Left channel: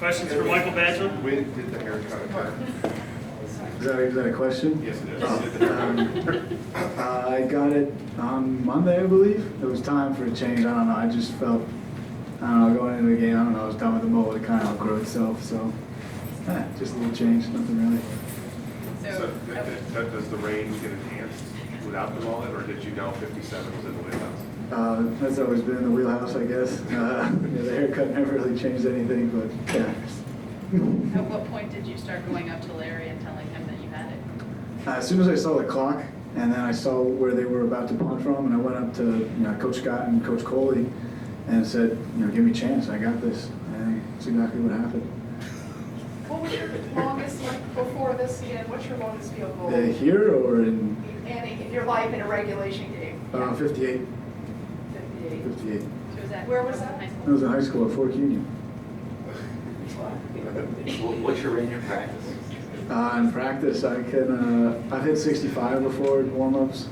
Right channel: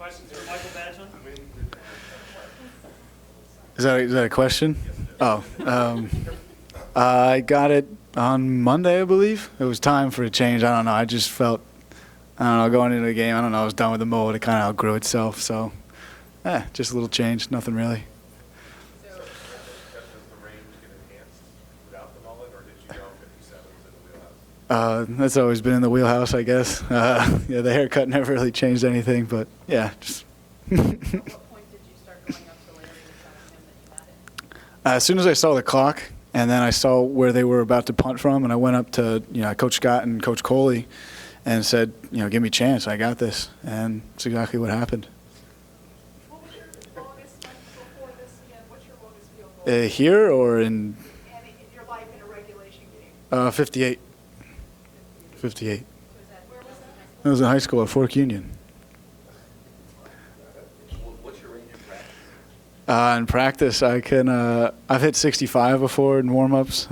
Questions for Michael Badgley? When did the haircut occur? Is that a question? Yes, it is. I got it on Monday, I believe. It was time for a change. I don't know. I just felt, I don't know, going into the game, I don't know, I was done with the mullet. It kind of outgrew itself. So, just a little change, nothing really. So does the range get enhanced without the mullet, or did you know 57 was in the wheelhouse? That's always been in the wheelhouse, I guess. Yeah, the haircut never really changed anything, but yeah. Just At what point did you start going up to Larry and telling him that you had it? as soon as I saw the clock, and then I saw where they were about to punt from, and I went up to Coach Scott and Coach Coley, and said, give me a chance, I got this, and that's exactly what happened. What was your longest, like, before this again, what's your longest field goal? Here or in In your life in a regulation game? 58. 58. 58. So was that Where was that? high school? I was in high school at Fork Union. What's your range of practice? In practice, I've hit 65 before in warm-ups.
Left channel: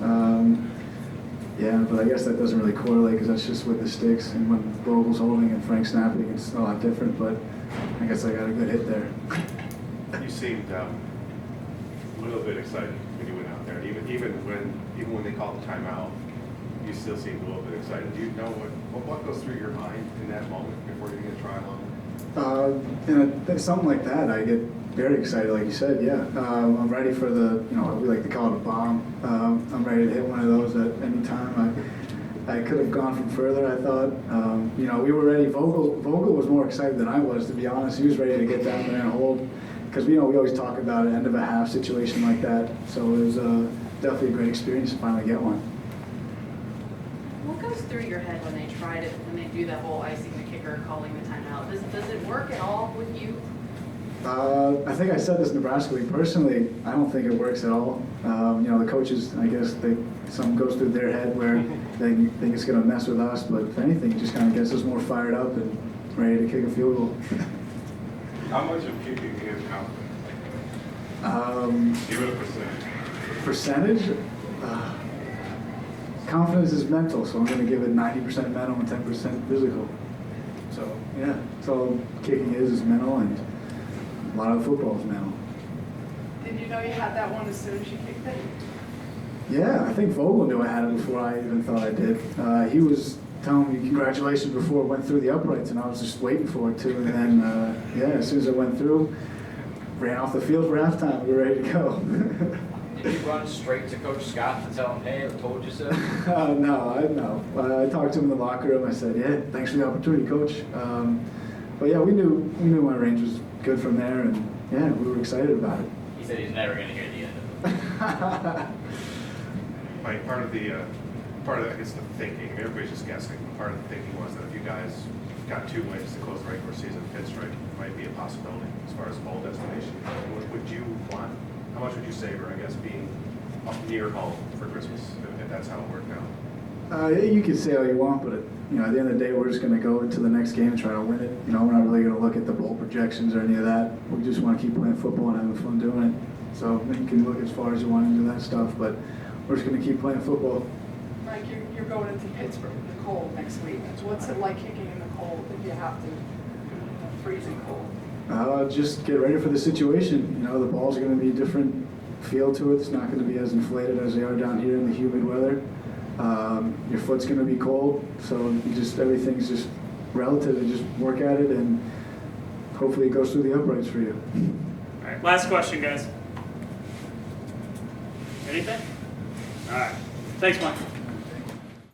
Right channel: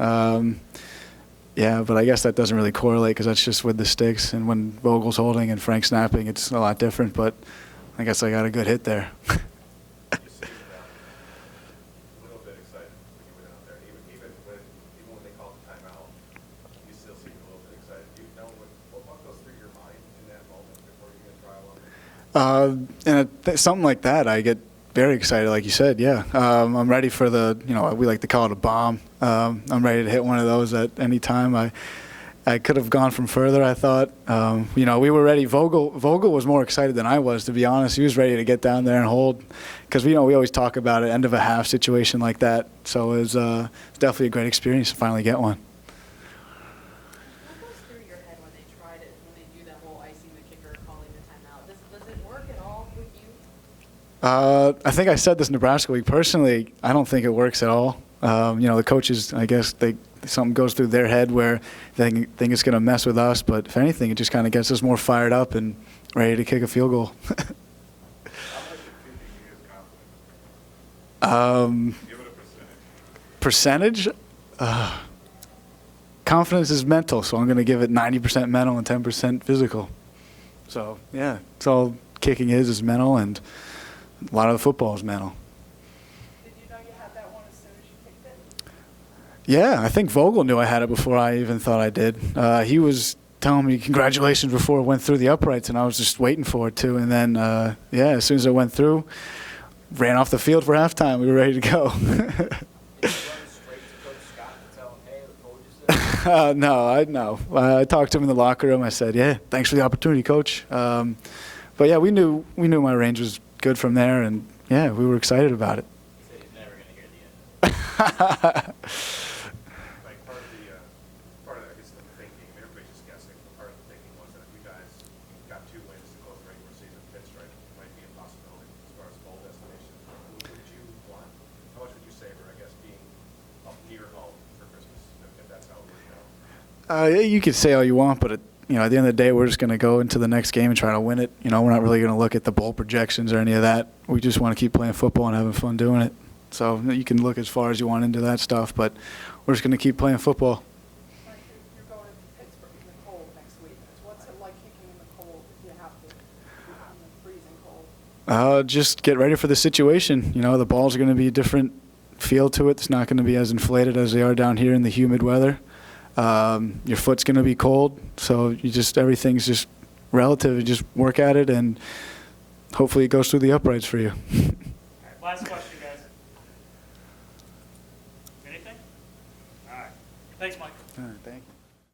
Yeah, but I guess that doesn't really correlate because that's just with the sticks. And when Vogel's holding and Frank's snapping, it's a lot different. But I guess I got a good hit there. You seemed a little bit excited when you went out there. Even when they called the timeout, you still seemed a little bit excited. Do you know what goes through your mind in that moment before you're going to try longer? Something like that, I get very excited, like you said. Yeah, I'm ready for the, we like to call it a bomb. I'm ready to hit one of those at any time. I could have gone from further, I thought. We were ready. Vogel was more excited than I was, to be honest. He was ready to get down there and hold, because we always talk about an end of a half situation like that. So it was definitely a great experience to finally get one. What goes through your head when they do that whole icing the kicker, calling the timeout? Does it work at all with you? I think I said this in Nebraska League. Personally, I don't think it works at all. The coaches, I guess, something goes through their head where they think it's going to mess with us. But if anything, it just kind of gets us more fired up and ready to kick a field goal. How much of kicking is confidence? Give it a percentage. Confidence is mental, so I'm going to give it 90% mental and 10% physical. So, yeah, it's all kicking is mental, and a lot of the football is mental. Did you know you had that one as soon as you kicked it? Yeah, I think Vogel knew I had it before I even thought I did. He was telling me congratulations before it went through the uprights, and I was just waiting for it to. And then, as soon as it went through, ran off the field for halftime. We were ready to go. Did you run straight to Coach Scott and tell him, hey, I told you so? No. I talked to him in the locker room. I said, yeah, thanks for the opportunity, Coach. But yeah, we knew my range was good from there, and yeah, we were excited about it. He said he's never going to hear the end of it. Mike, part of I guess the thinking, everybody's just guessing, part of the thinking was that if you guys got 2 wins to close the regular season, pinstripe might be a possibility as far as bowl destination. Would you want, how much would you savor, I guess, being up near home for Christmas, if that's how it worked out? Yeah, you could say all you want, but at the end of the day, we're just going to go into the next game and try to win it. We're not really going to look at the bowl projections or any of that. We just want to keep playing football and having fun doing it. So you can look as far as you want into that stuff, but we're just going to keep playing football. Mike, you're going into Pittsburgh in the cold next week. So what's it like kicking in the cold if you have to, freezing cold? Just get ready for the situation. The ball's going to be a different feel to it. It's not going to be as inflated as they are down here in the humid weather. Your foot's going to be cold, so everything's just relative. You just work at it, and hopefully it goes through the uprights for you. All right, last question, guys. Anything? All right. Thanks, Mike.